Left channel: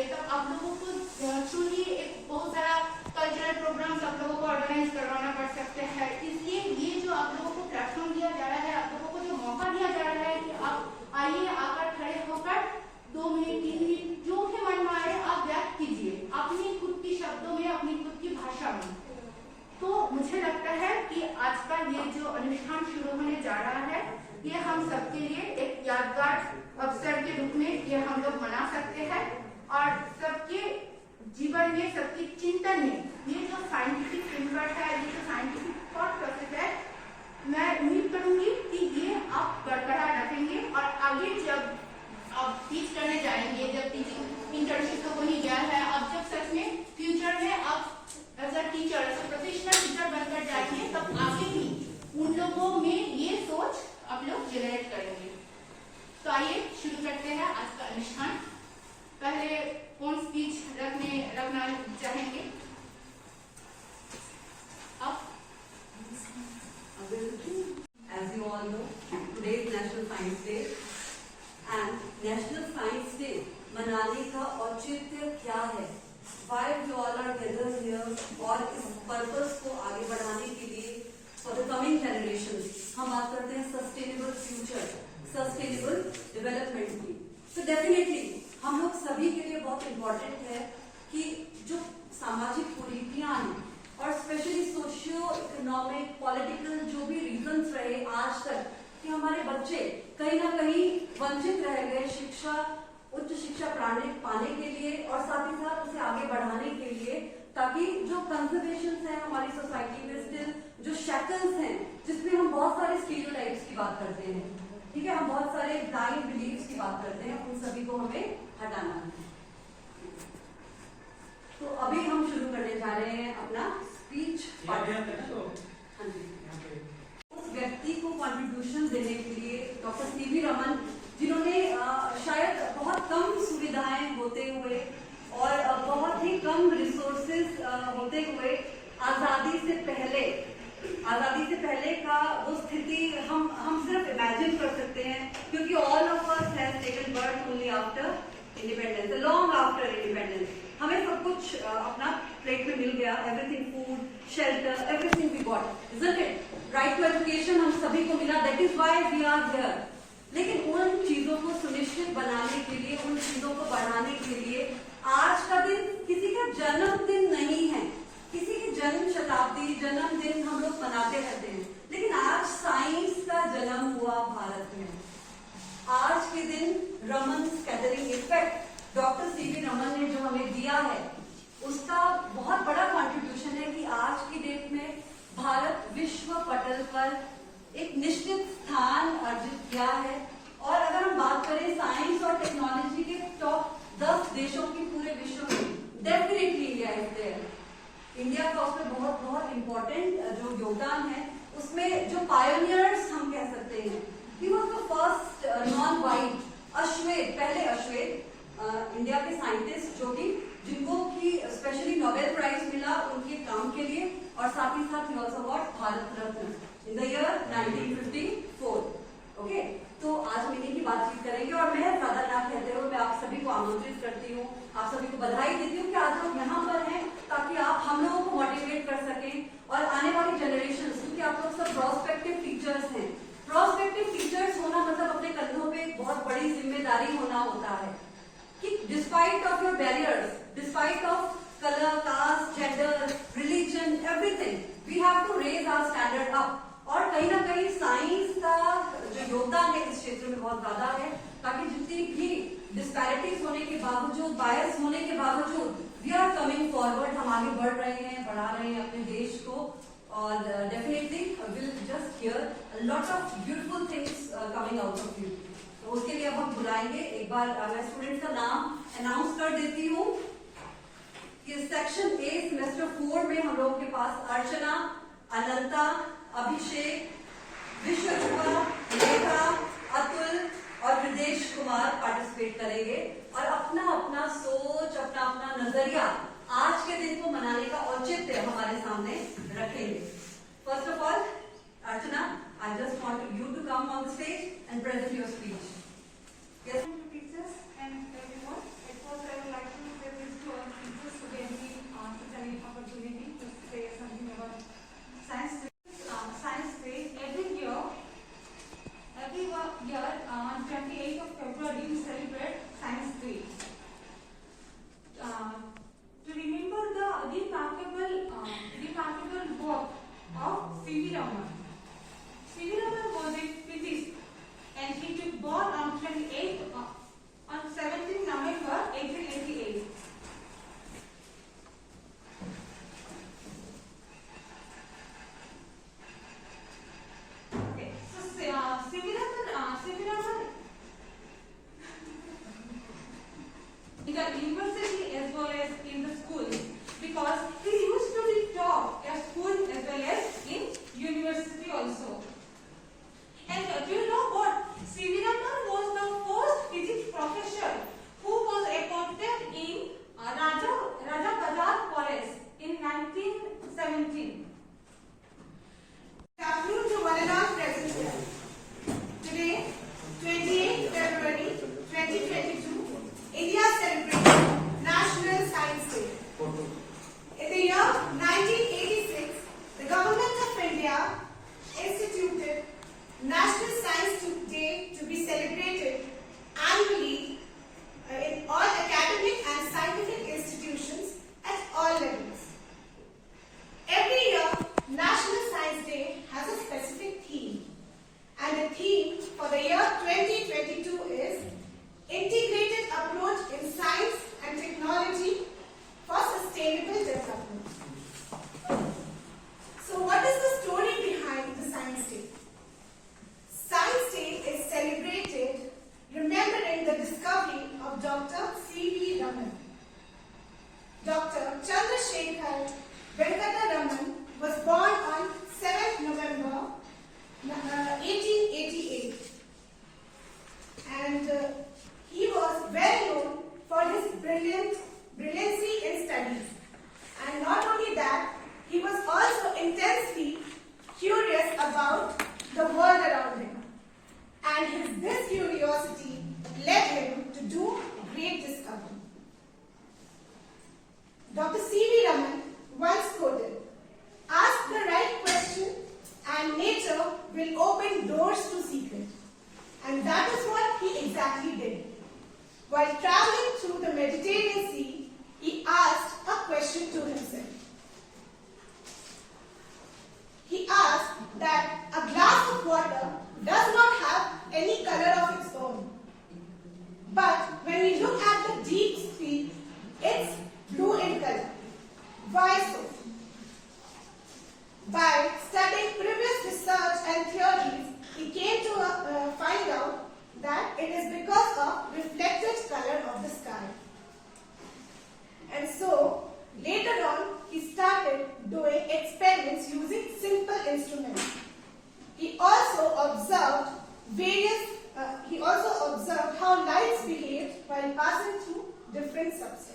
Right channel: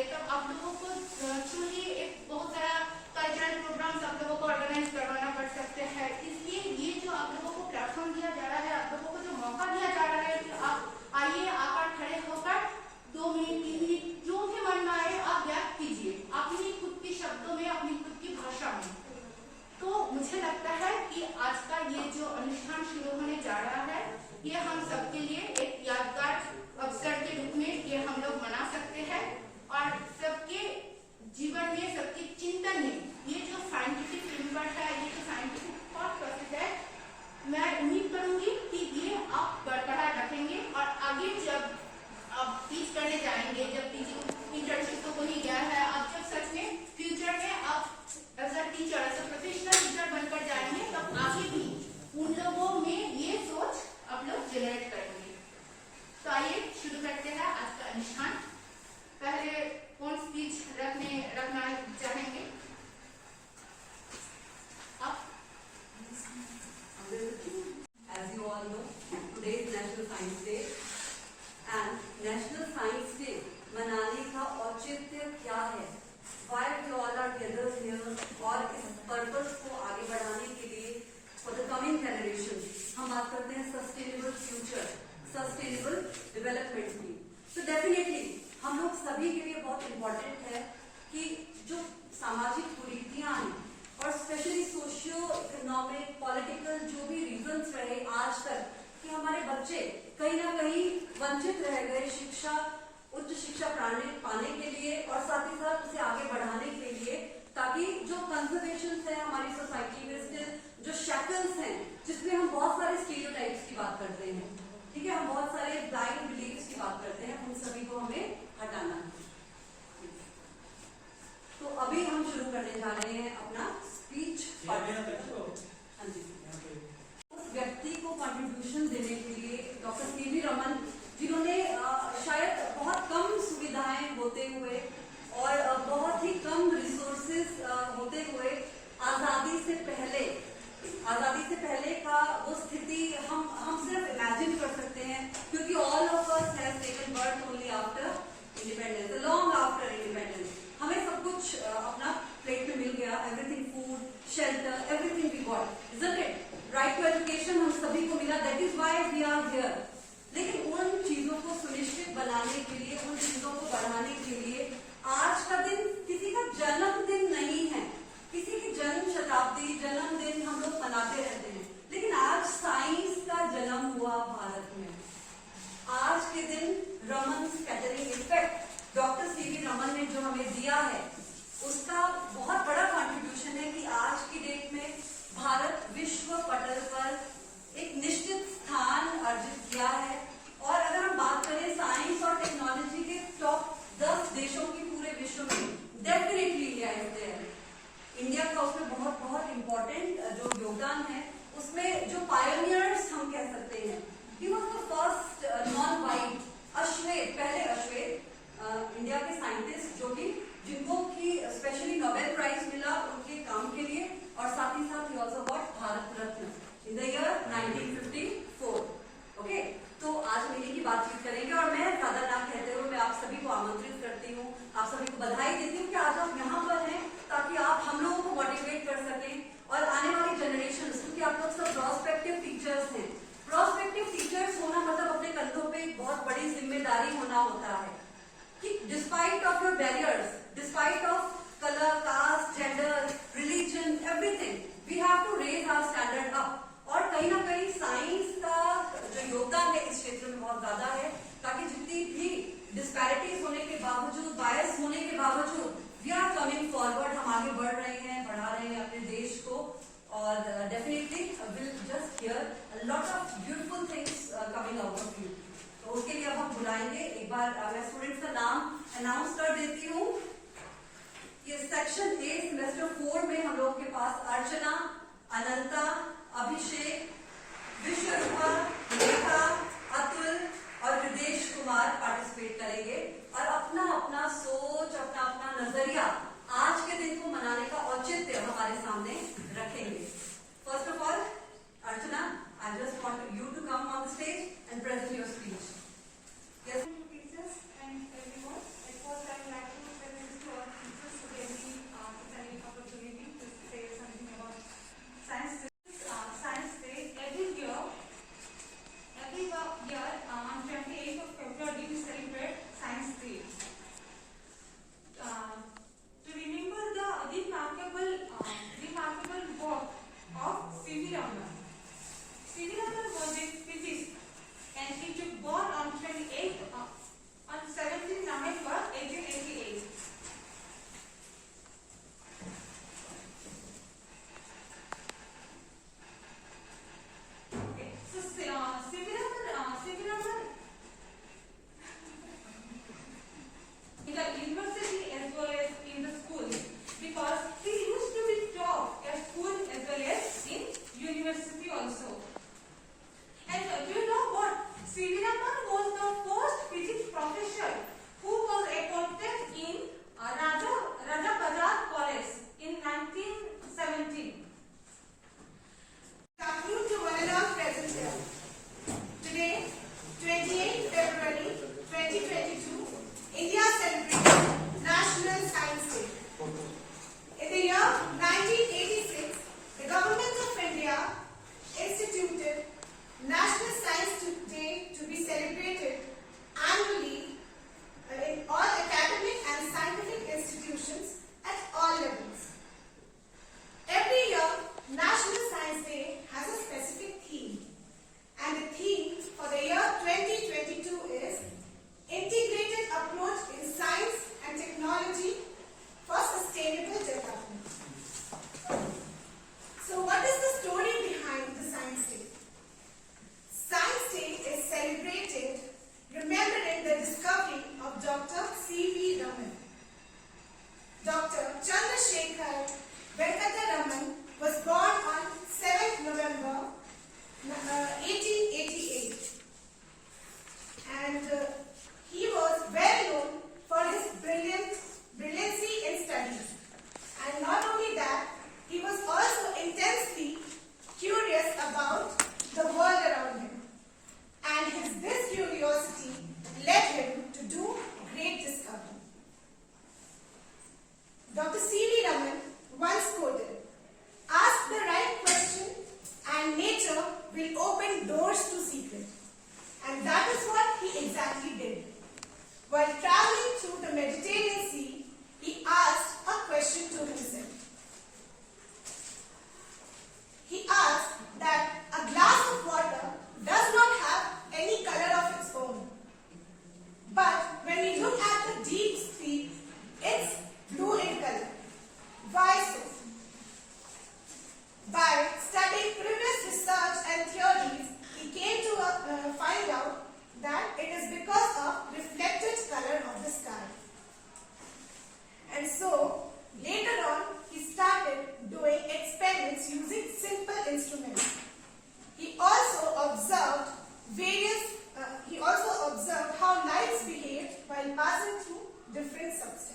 करेंगे तब आप लोगों को truly एक बहुत सारा कल्चरल प्रोग्राम्स आप लोगों को ऑर्गेनाइज करवाना पड़ सकते हैं। इसलिए ये जो आप लोगों को प्लेटफॉर्म दिया जा रहा है, आप लोगों को जो मौका दिया जा रहा है कि आप आइए, आकर खड़े होकर 2 मिनट 3 मिनट जो भी मन में आए आप व्यक्त कीजिए अपनी खुद की शब्दों में, अपनी खुद की भाषा में। तो मुझे लगता है कि आज का ये जो अनुष्ठान शुरू होने जा रहा है ये हम सबके लिए एक यादगार अवसर के रूप में ये हम लोग मना सकते हैं और सबके जीवन में, सबके चिंतन में ये जो साइंटिफिक फ्रेमवर्क है, ये जो साइंटिफिक थॉट प्रोसेस है, मैं उम्मीद करूंगी कि ये आप बरकरार रखेंगे और आगे जब आप टीच करने जाएंगे, जब टीचिंग इंटर्नशिप तो हो ही गया है, अब जब सच में फ्यूचर में आप as a teacher, as a professional teacher बनकर जाएंगे तब आगे भी उन लोगों में ये सोच आप लोग जनरेट करेंगे। तो आइए शुरू करते हैं आज का अनुष्ठान। पहले कौन स्पीच रखना चाहेंगे आप? As you all know, today is National Science Day and National Science Day मनाने का औचित्य क्या है? Why we all are gathered here और इस पर्पस को आगे बढ़ाने के लिए for the coming generations हम बात करते हैं सस्टेनेबल फ्यूचर, सस्टेनेबल डेवलपमेंट की। तो डेफिनेटली हम लोग सभी के लिए बहुत इम्पोर्टेंट है कि जो सामाजिक कुरीतियां हैं और स्पेशली सोशियो इकोनॉमिक पॉलिटिकल जो भी रीजंस रहे आज तक कि हमारे बच्चे कहीं ना कहीं वंचित रह गए शिक्षा, उच्च शिक्षा पाने के लिए और साथ ही साथ उसे आगे बढ़ाने के लिए, ताकि जो कंजर्वेशन है हमारी सोसाइटी में स्टिल जो शैकल्स हैं जिसमें हम बहुत सारे स्टीरियोटाइप्स की बात करते हैं, ठीक है, हम बहुत सारे ब्लाइंड बिलीव्स की बात करते हैं, उन सभी को हमें हटाना है। तो अभी हम शुरू करने जा रहे हैं अपना स्पीच। हाँ जी, उस व्यक्ति को कंट्रीब्यूशन देने के लिए डॉक्टर सीवी रमन, जिन्होंने शायद बहुत कम सुविधाएं होते हुए और बहुत ही कम रिसोर्सेज होते हुए आजादी से पहले का वो स्थिति हम सिर्फ इमेजिन कर सकते हैं, क्योंकि all of us has taken birth only after independence, long after independence. हमें सब कुछ अपना प्लेट में मिल गया, everything, food, shelter, everything we got, isn't it? Right to education हम सभी को मिला, that is why we are here. लेकिन उन चीजों को सुनिश्चित बनाने के लिए, उन चीजों को बढ़ाने के लिए आज का दिन किसी का जन्मदिन नहीं है, किसी की जन्म शताब्दी, जन्मदिन हम लोग मनाते रहते हैं, लेकिन आज साइंस का जन्म हुआ भारत में। आज के दिन Raman scattering effect doctor CV Raman ने जो हमें दिया है उसका बहुत बड़ा कंट्रीब्यूशन है कि आज की डेट में भारत विश्व पटल पर एक निश्चित स्थान अर्जित किया है। और अगर हम बात करें साइंस और टेक्नोलॉजी के टॉप 10 देशों की पूरे विश्व में, definitely India is there. India का उसमें बहुत बहुत इम्पोर्टेंट जो योगदान है, उसमें जो पायोनियर्स हम कह सकते हैं, he was the first non white अश्वेत, पहले अश्वेत इंडिया के साइंटिस्ट जो कि जिनको की स्पेशली नोबेल प्राइज मिला उनके काम के लिए, और साथ ही साथ he also got Bharat Ratna in the year 1954। Okay, तो आज हम इन्हीं की बातचीत करेंगे और मैं ज्यादा ना कहते हुए मैं आप सभी को आमंत्रित करती हूँ, आप सभी को बधाई देती हूँ कि आज आप यहाँ पर हैं ताकि आप हम लोगों को मोटिवेट कर सकें और आने वाली जनरेशन, क्योंकि आप लोग सब प्रोस्पेक्टिव टीचर्स हैं। प्रोस्पेक्टिव टीचर्स होना मतलब अपने कंधों पे बहुत बड़ी जिम्मेदारी होना होता है कि despite of your barriers, despite of colour, caste, gender, religion, everything, we have to raise our standard up. और कहीं ना कहीं साइंस का जो योगदान है इस क्षेत्र में बहुत ज्यादा है, ताकि जितनी भी डिस्पैरिटीज होने के बावजूद, बायस होने के बावजूद, वी आर कमिंग फॉरवर्ड, हम आगे बढ़ रहे हैं, बढ़ा रहे हैं अपने देश को। और definitely will just here lot of beautiful things coming out of you. तो उसके लिए अब हम बुलाएंगे, एक बार मैं स्टूडेंट्स का नाम अनाउंस कर देती हूँ। ये सेक्शन ए सेमेस्टर 4 में हम लोग के पास अर्चना, अनंता, अभिषेक, विश्वरूपा, रेखा, अतुल और हृदेश कुमार पार्टिसिपेट करेंगे और अपना अपना सोच, अपना अपना नजरिया आज के दिन को मनाने का औचित्य हमारे सामने रखेंगे। First of all, Archana, I just want you to come on stage and present your speech. Yes. Teachers and everyone, at first I would like to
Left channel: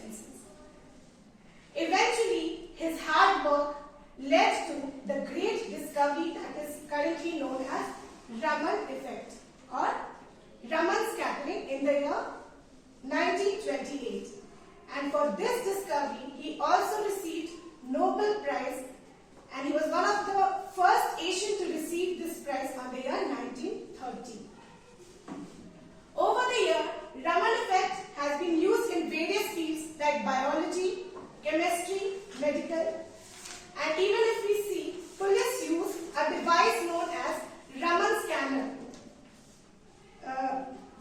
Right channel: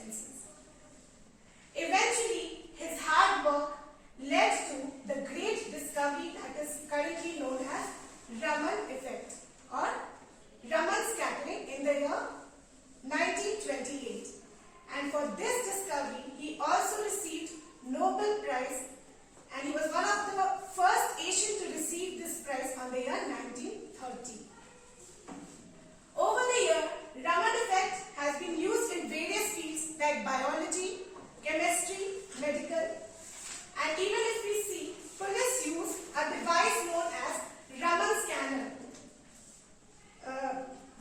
substances. Eventually, his hard work led to the great discovery that is currently known as Raman effect or Raman scattering in the year 1928. And for this discovery, he also received Nobel Prize, and he was one of the first Asian to receive this prize on the year 1930. Over the year, Raman effect has been used in various fields like biology, chemistry, medical, and even if we see, police use a device known as Raman scanner,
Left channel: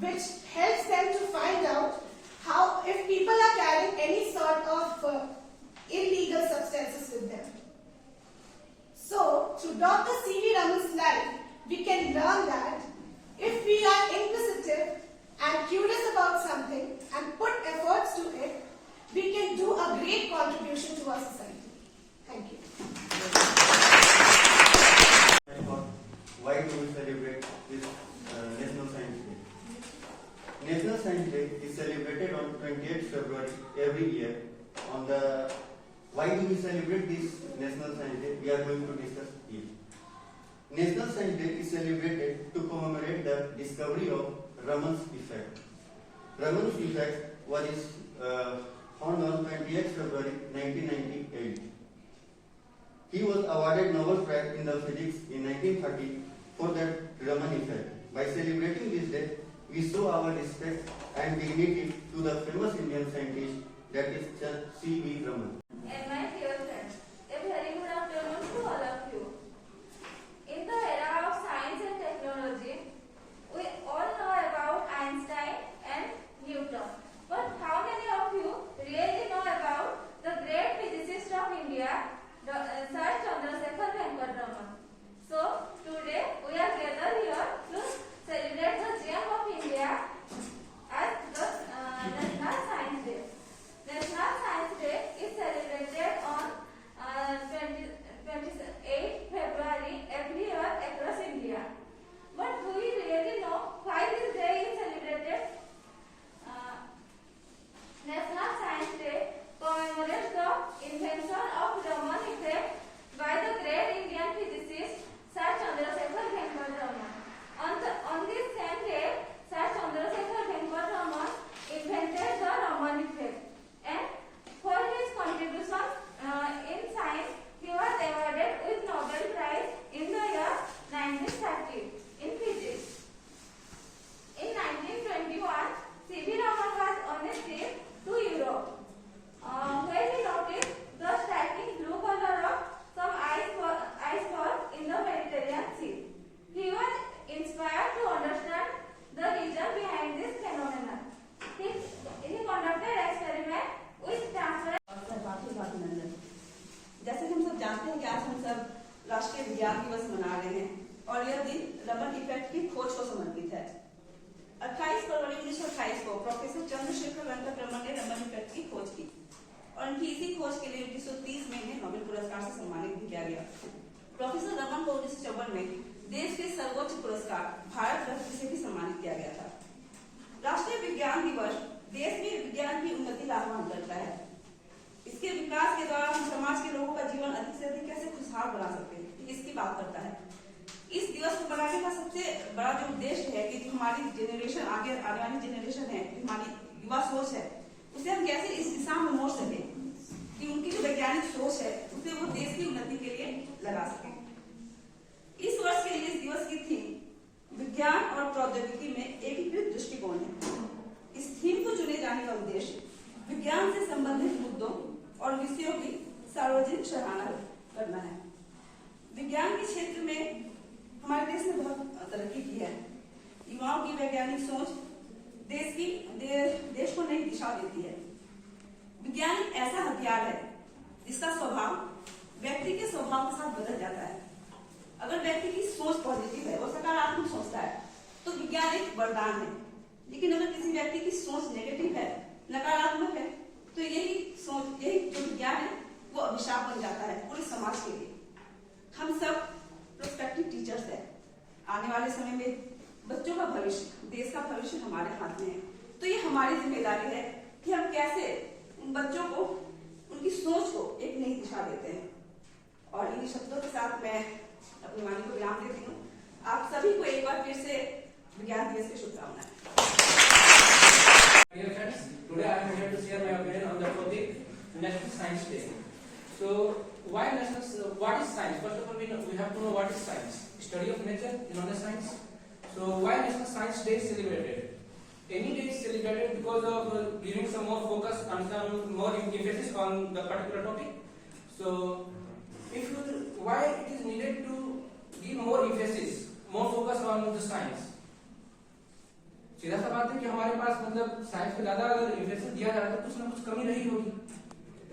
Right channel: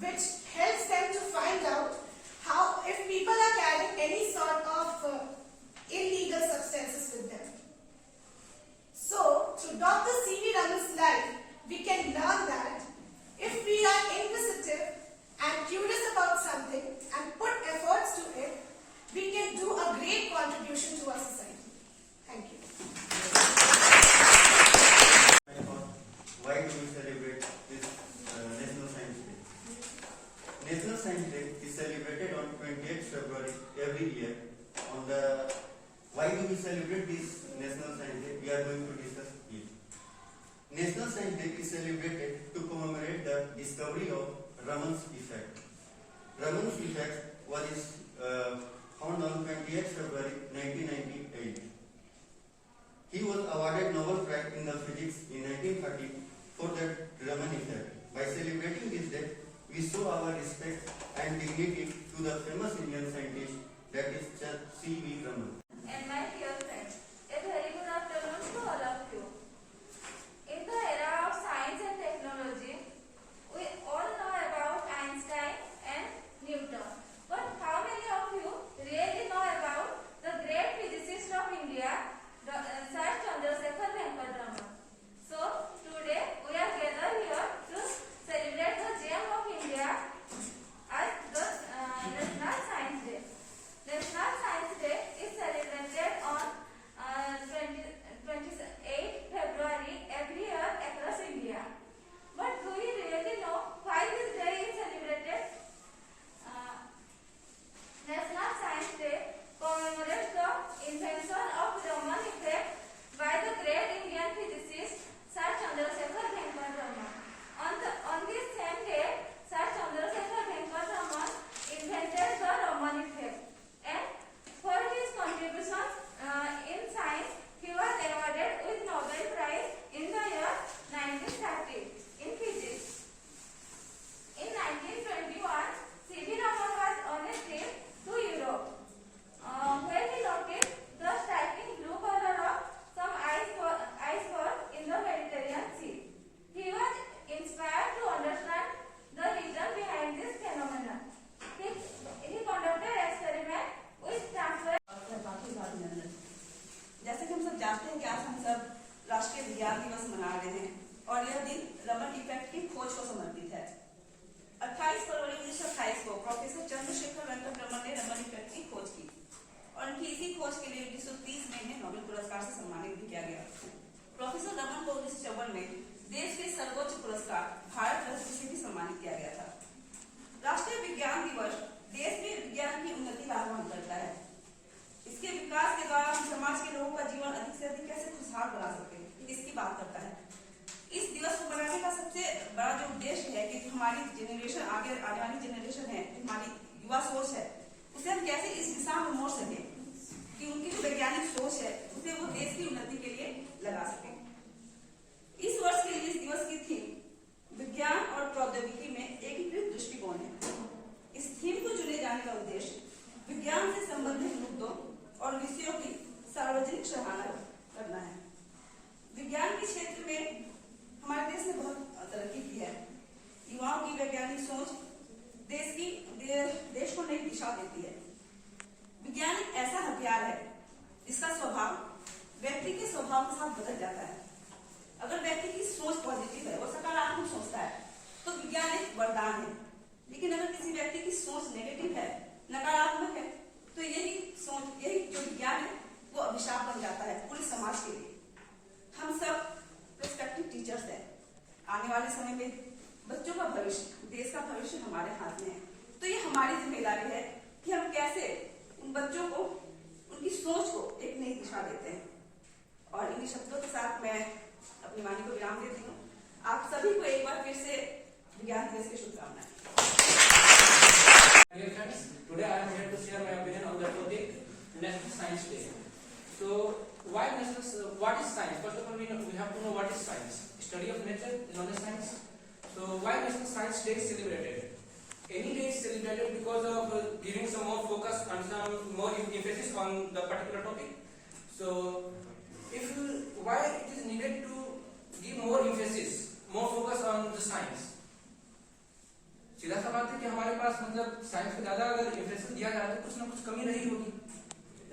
which helps them to find out how if people are carrying any sort of illegal substances with them. So, through Dr. C.V. Raman's life, we can learn that if we are inquisitive and curious about something and put efforts to it, we can do a great contribution to our society. Thank you. Why do we celebrate this National Science Day? National Science Day is celebrated on 28th February every year. Why do we celebrate this National Science Day? We are going to discuss here. National Science Day is celebrated to commemorate the discovery of Raman's effect. Raman's effect was found on 28th February 1998. He was awarded Nobel Prize in the Physics in 1930 for that Raman effect. By celebrating this day, we show our respect and dignity to the famous Indian scientist that is C.V. Raman. And my dear friends, a very good afternoon to all of you. In the era of science and technology, we all know about Einstein and Newton. But how many of you really know about the great physicist of India, Sir Chandrasekhar Venkata Raman? So, today we are gathered here to celebrate the gem of India as the National Science Day. National Science Day is celebrated on 28th February every year across India. But do we really know why this day is celebrated? National Science Day commemorates the invention of Raman effect by the great Indian physicist Sir Chandrasekhar Venkata Raman. On this same day, Sir Chandrasekhar Venkata Raman invented the Raman effect. And for his contributions in science, he was awarded with Nobel Prize in the year 1930 in physics. In 1921, C.V. Raman was on a trip to Europe, where he noticed the striking blue color of some iceberg in the Mediterranean Sea. He was inspired to understand the reason behind this phenomenon. He conducted experiment with transfer. जैसे कि हम सब जानते हैं कि आज हम सब राष्ट्रीय विज्ञान दिवस मना रहे हैं और यह दिन रमन इफेक्ट की खोज को समर्पित है। 28 फरवरी 1928 को प्रोफेसर चंद्रशेखर वेंकट रमन ने रमन इफेक्ट की खोज की और उनकी इसी खोज के लिए 1930 में इन्हें नोबेल पुरस्कार से सम्मानित भी किया गया। प्रोफेसर रमन को 1954 में देश के सर्वोच्च पुरस्कार भारत रत्न से भी सम्मानित किया गया था। राष्ट्रीय विज्ञान दिवस देश में विज्ञान की उन्नति का आह्वान करता है। इसके विकास के द्वारा हम समाज के लोगों का जीवन अधिक से अधिक कैसे खुशहाल बना सकते हैं, इसकी बात करता है। इस दिवस को मनाने का सबसे बड़ा जो उद्देश्य है कि हमारी जेनरेशन आगे आने वाली जेनरेशन है, हमारी युवा सोच है, उसे हम कैसे इस दिशा में मोड़ सकें कि उनकी जो वैज्ञानिक सोच है उसे वो देश की उन्नति के लिए लगा सकें। इस वर्ष के लिए इस दिवस की थीम विज्ञान और प्रौद्योगिकी में एकीकृत दृष्टिकोण है। इस थीम को चुने जाने का उद्देश्य विज्ञान से संबंधित मुद्दों और विषयों की सार्वजनिक सराहना करना है। विज्ञान के क्षेत्र में हमारे देश ने बहुत तरक्की की है। युवाओं की वैज्ञानिक सोच देश को नई दिशा देती है। विज्ञान एक ऐसा हथियार है जिसका स्वभाव व्यक्ति के स्वभाव के साथ बदल जाता है। अगर व्यक्ति की सोच पॉजिटिव है, वो सकारात्मक सोचता है, तो विज्ञान एक वरदान है। लेकिन अगर किसी व्यक्ति की सोच नेगेटिव है, नकारात्मक है, तो यही जो विज्ञान है वो अभिशाप बन जाता है पूरे समाज के लिए। हम सब प्रोस्पेक्टिव टीचर्स हैं। आने वाले समय में बच्चों का भविष्य, देश का भविष्य हमारे हाथ में है। तो ये हमारी जिम्मेदारी है कि हम कैसे उन बच्चों को उनकी सोच को एक नई दिशा देते हैं। और इन्हीं शब्दों के साथ मैं अपनी वाणी को विराम देती हूँ। आप सभी को एक बार फिर से विज्ञान दिवस की शुभकामनाएं। Dear friends, today I am here to share my opinion on the topic National Science Day. So, what is science? First of all, we have to know what is science. Study of nature, known as science. So, why National Science Day is celebrated? Any day is celebrated because of giving some more focus and some more emphasis on the particular topic. So, why it is needed to give more emphasis, more focus on the science? सीधा सा बात है कि हमारे पास मतलब science को ज्यादा अगर इंफरेंस दिया जा रहा है तो कुछ ना कुछ कमी रही होगी।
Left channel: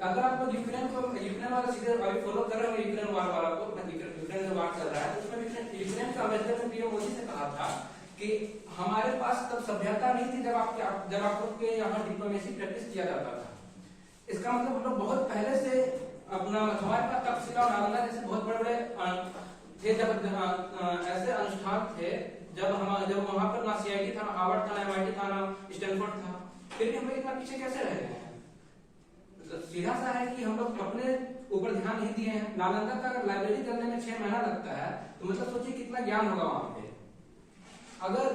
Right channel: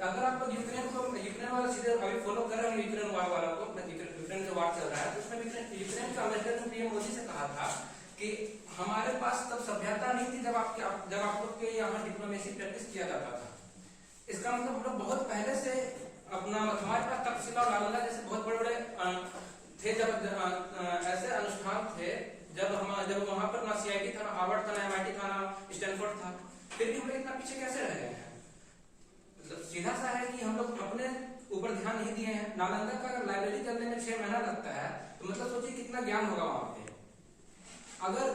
अगर आप यूक्रेन वाला सीधे अभी फॉलो कर रहे हो यूक्रेन वार वाला को, यूक्रेन जो वार चल रहा है उसमें यूक्रेन का अम्बेसडर ने पीएम मोदी से कहा था कि हमारे पास तब सभ्यता नहीं थी जब आप लोग के यहाँ डिप्लोमेसी प्रैक्टिस किया जाता था। इसका मतलब हम लोग बहुत पहले से अपना हमारे पास तक्षशिला और नालंदा जैसे बहुत बड़े बड़े थे, जब ऐसे अनुष्ठान थे जब वहां पर ना सीआईटी था, ना हार्वर्ड था, ना एमआईटी था, ना स्टैनफोर्ड था, फिर भी हम लोग इतना पीछे कैसे रह गए हैं? मतलब सीधा सा है कि हम लोग अपने ऊपर ध्यान नहीं दिए हैं। नालंदा का अगर लाइब्रेरी करने में 6 महीना लगता है तो मतलब सोचिए कितना ज्ञान होगा वहां पे। अगर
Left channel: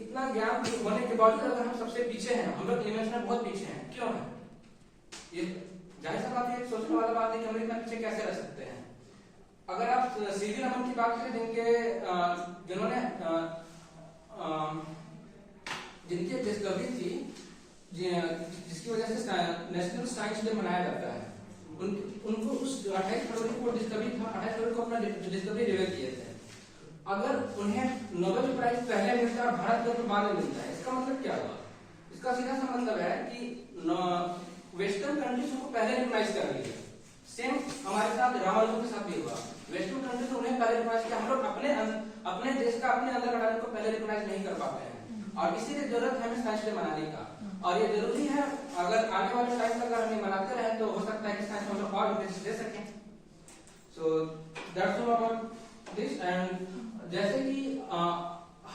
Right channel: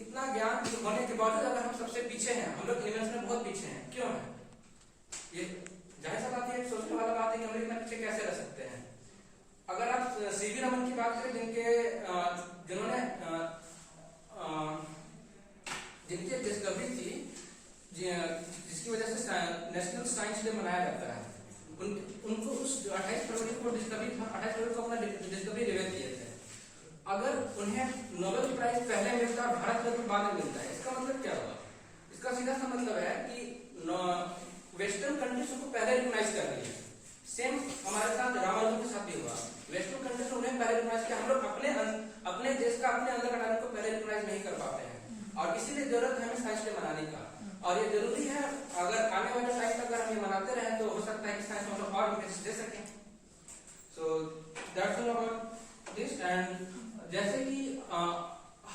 इतना ज्ञान होने के बावजूद अगर हम सबसे पीछे हैं, हम लोग इन्वेंशन में बहुत पीछे हैं, क्यों है ये? जाहिर सा बात है, सोचने वाला बात है कि हम लोग इतना पीछे कैसे रह सकते हैं। अगर आप सीवी रमन की बात करें जिन्होंने जिनकी डिस्कवरी थी जिसकी वजह से नेशनल साइंस डे मनाया जाता है, उनको उस 28 फरवरी को डिस्कवरी था, 28 फरवरी को अपना डिस्कवरी रिवील किए थे। अगर उन्हें नोबेल प्राइज पहले मिलता और भारत रत्न बाद में मिलता है, इसका मतलब क्या हुआ? इसका सीधा सा मतलब है कि वेस्टर्न कंट्रीज को पहले रिकॉग्नाइज कर ली है। सेम हमारे साथ रामानुजन के साथ भी हुआ। वेस्टर्न कंट्रीज उन्हें पहले रिकॉग्नाइज किया, हम लोग अपने देश का अपने अंदर का टैलेंट को पहले रिकॉग्नाइज नहीं कर पाते हैं, और इसीलिए जरूरत है हमें साइंस डे मनाने का। और ये जरूरी है, अगर आने वाले टाइम तक अगर हम मनाते रहे तो हो सकता है कि साइंस में हम लोग और बेनिफिट दे सकें। So that's all about this. And जैसे कि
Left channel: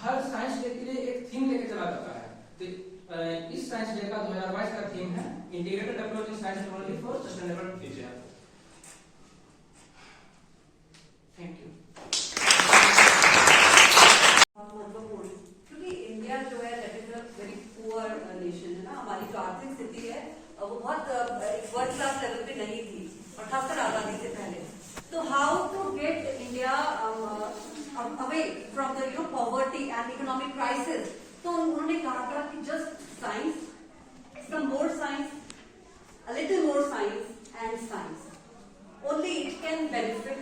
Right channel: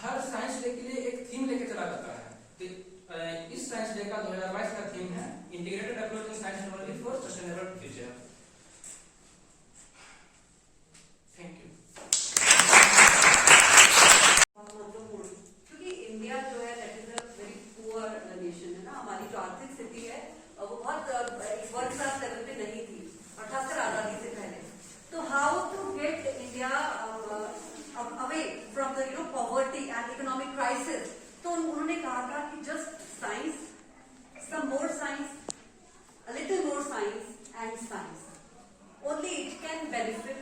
हर साइंस डे के लिए एक थीम लेके चला जाता है, तो इस साइंस डे का 2022 का थीम है integrated approach in science technology for sustainable future. Thank you. महत्वपूर्ण, क्योंकि इंडिया जो है that is a very poor nation है ना। हमारी जो आर्थिक स्थिति है वो बहुत वर्ल्ड क्लास लेवल पे नहीं थी, और खासकर आजादी से पहले। तो how to get India away from the poverty and economic crisis? तो उन्होंने कहा था कि just science, some more science, a little more science and science. Only it can benefit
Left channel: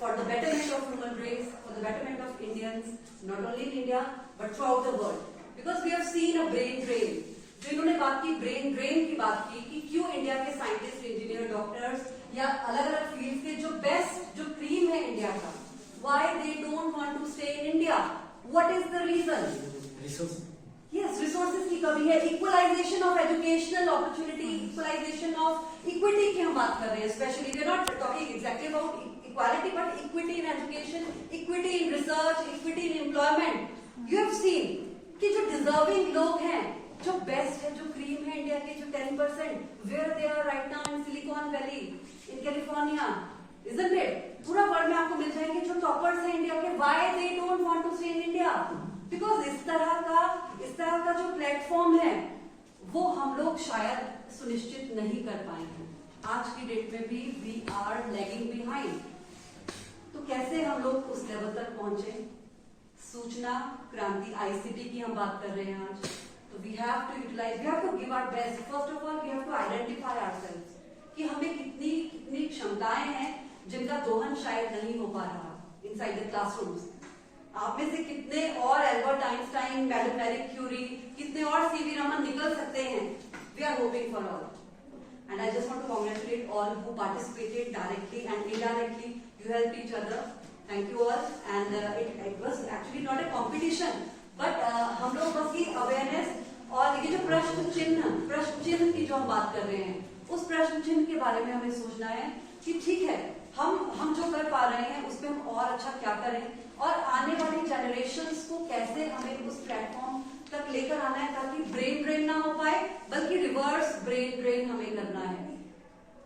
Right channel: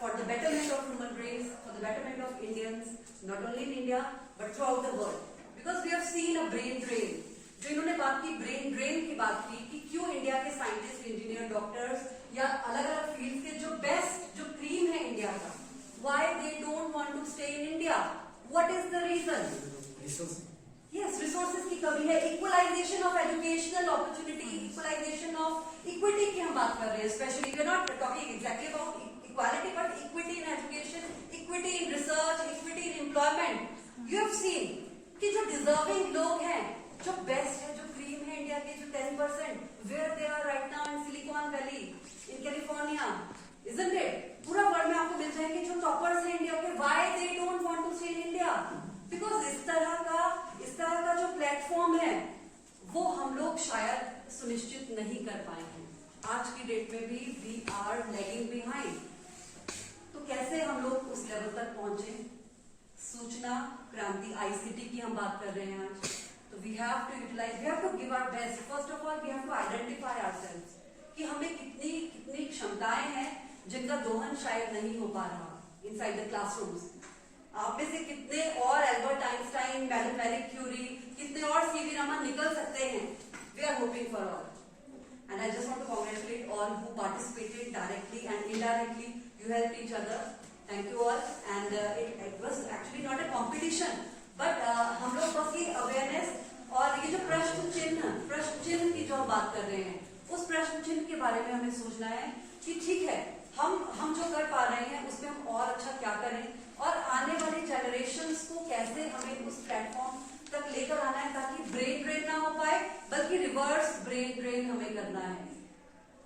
for the betterment of human race, for the betterment of Indians, not only in India but throughout the world. Because we have seen a brain drain. जो इन्होंने बात की brain drain की बात की कि क्यों India के साइंटिस्ट, इंजीनियर, डॉक्टर्स या अलग अलग फील्ड के जो बेस्ट जो क्रीम है इंडिया का, why they don't want to stay in India? What is the reason? Yes, resources की कमी है, equalisation of educational opportunity, equalisation of equity की हम बात कर रहे हैं। Specially we are not talking exactly about equality but equity in education, equity in research, equity in employment. You have seen कि जो डिजर्विंग लोग हैं, जो बेस्ट है, जो क्रीम है इंडिया के, जो 10%, where they are right now in Silicon Valley, in California, isn't it? पूरा वर्ल्ड में आपको मिल जाएंगे जो टॉपर्स हैं इंडिया के। Why they don't want to stay in India? Because इस तरह का जो प्लेटफॉर्म है वो हम लोग शायद सुनिश्चित नहीं कर पाएंगे। आज की डेट में भी वी आर लैगिंग बिहाइंड। तो कैसे हम लोग उस लेवल तक पहुंचे? सूचना क्रांति, आईसीटी की हम बात कर रहे हैं आज। तो we have to utilise, we have to give our best. First of all we have to identify ourselves कि हमें कितनी क्षमताएं हैं जिनका दोहन शायद नहीं हो पा रहा इनसाइड द क्लासरूम्स। आप में से कितने और Albert Einstein, madam Marie Curie, कितने और सीवी रमन निकल सकते हैं? We are hoping for all, and I just want to congratulate all who participated directly and indirectly. You help each other, thank you all. And it was actually not a competition, but हम लोग बस की awareness और ये जो प्रश्न चिन्ह की जो हम बात कर रहे हैं, उस प्रश्न चिन्ह के बारे में हमें सोचना है कि ठीक है, हम जो कर पा रहे हैं उसमें हम और अच्छा क्या करें, और आने वाली जनरेशंस को कैसे हमें उस प्लेटफॉर्म तक लेकर आना है ताकि ब्रेन ड्रेन ना हो पाए, बल्कि रिवर्स ब्रेन ड्रेन हमें करना है।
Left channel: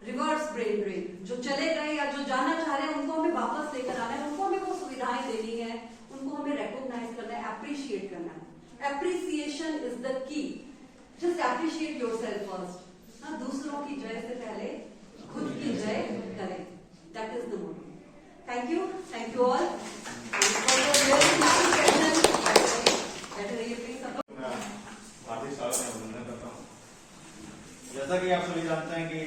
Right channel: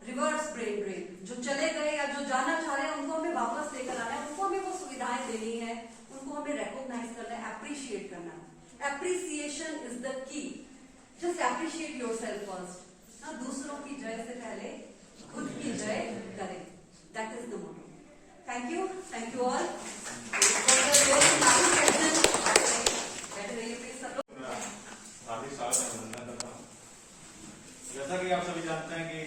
रिवर्स ब्रेन ड्रेन, जो चले गए या जो जाना चाह रहे हैं उनको हमें वापस लेकर आना है, उनको हमें वो सुविधाएं देनी है, उनको हमें रिकॉग्नाइज करना है, अप्रिशिएट करना है। Appreciation is the key. Just appreciate yourself first. ना दूसरों की जय से पहले खुद की जय करें। That is the motto. Thank you all. हार्दिक स्वागत मैं अभिनंदन करता हूँ। जैसा कि आप सभी जानते हैं कि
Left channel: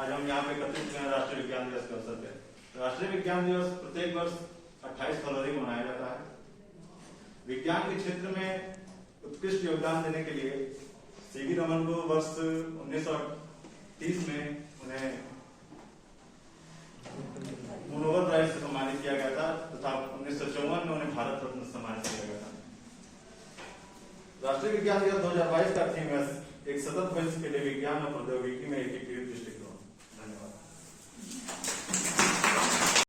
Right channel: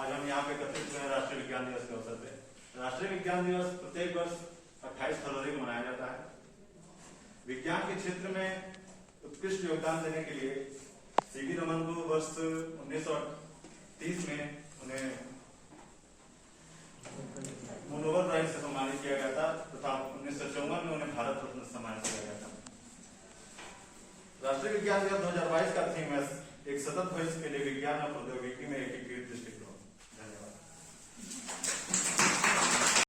आज हम यहाँ पे एकत्रित हुए हैं राष्ट्रीय विज्ञान दिवस के अवसर पे। राष्ट्रीय विज्ञान दिवस प्रत्येक वर्ष 28 फरवरी को मनाया जाता है। विज्ञान के क्षेत्र में उत्कृष्ट योगदान देने के लिए सीवी रमन को वर्ष 1930 में उन्हें नोबेल प्राइज से सम्मानित किया गया था तथा 1954 में उन्हें भारत रत्न से सम्मानित किया गया था। राष्ट्रीय विज्ञान दिवस 2022 का थीम है एक सतत भविष्य के लिए विज्ञान और प्रौद्योगिकी में एकीकृत